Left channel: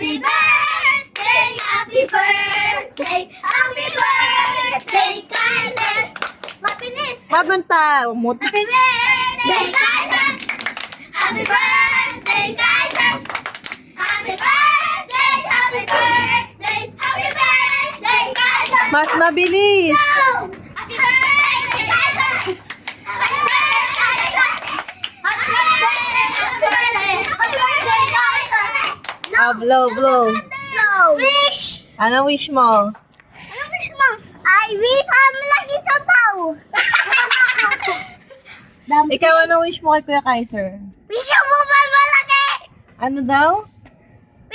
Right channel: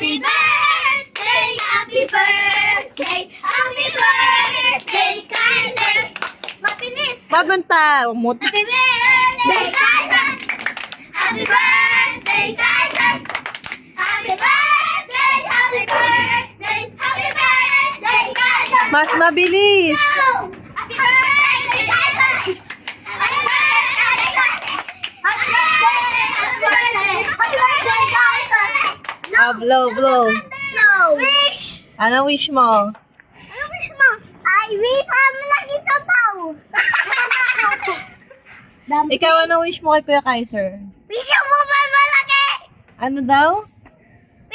Happy birthday, happy birthday, happy birthday, Kaiser. Mapinis. Mabunta. Umut. Happy birthday, Kaiser. Happy birthday, Kaiser. Happy birthday, happy birthday, happy birthday, Kaiser. Mas mabilis. Happy birthday, Kaiser. Happy birthday, Kaiser. Happy birthday, happy birthday, happy birthday, Kaiser. Blow, blow. Wish. Ano wish mo? Ano wish mo? I wish I'm lagi sa tao. Ikaw, ano wish mo kay Kuya Kaiser? Wish mo ba malaki? Ano daw?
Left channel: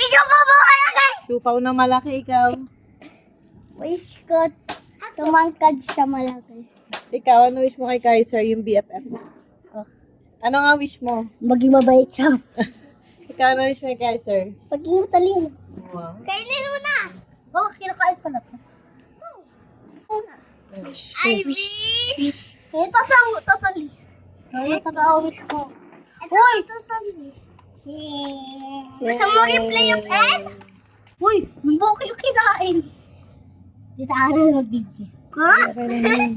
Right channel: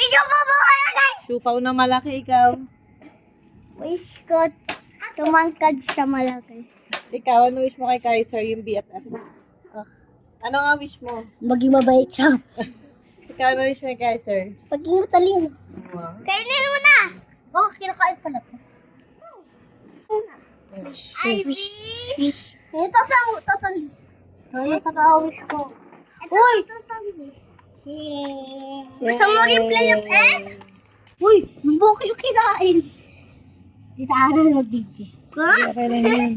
Wish mo ba malaki? Siupaw na malaki ikaw. Wish ko tumangkad sa malaki. Ikaw, ano wish mo kay Kaiser? Yung BFF mo. Ano nga wish mo? Maging mabait siya. Ikaw, ano wish mo kay Kaiser? Paging matalino. Wow. Kainin mo na. Oh, kinakain pala to. I wish. Ito sa totally. Ito sa wish ko. Uy! Gusto mo replay yung egg? Uy! Buko yung kinain. Di tayo na mag-video. Ha? Okay lang yan.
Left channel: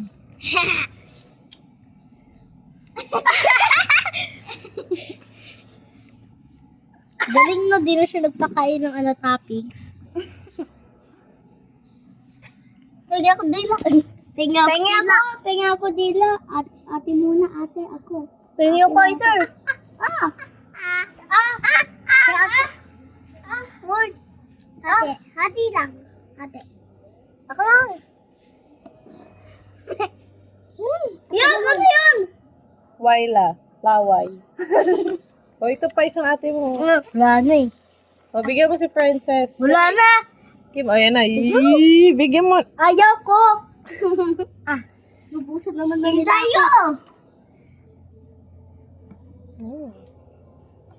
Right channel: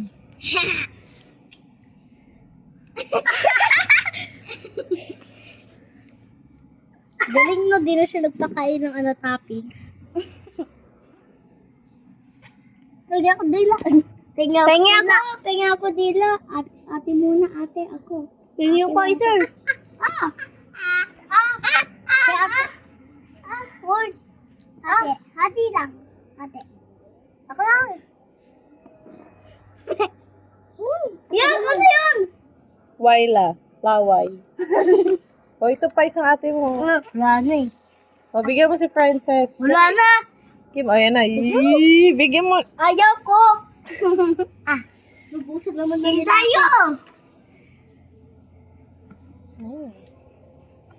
Galing no, di na siya nagpakain ng toppings. Tingnan ko dila. Tingnan ko dila. Ate muna, ate ako. Tingnan ko, sir. Word. Ate, hati lang. Ate. Ako lang. Yan, ano yun? Waila. Laway. O, ito pa isang ate mo. Wala na eh. O, bigyan mo si Princess. Wala na. Kim, ayan na. Yee, bigyan mo. Ayaw ko. Lubusog naman na nila. Tayo.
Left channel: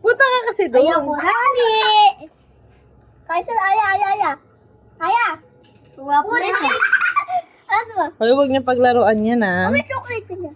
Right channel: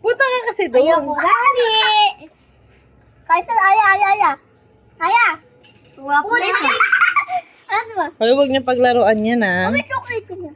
Punta ka kasi Ayaw ko. doon. Rani. Kaiser, aya. Aya. Wala ko na. Ano ba? Huwag niyo paglaruan yan, ah. May chocolate ko na.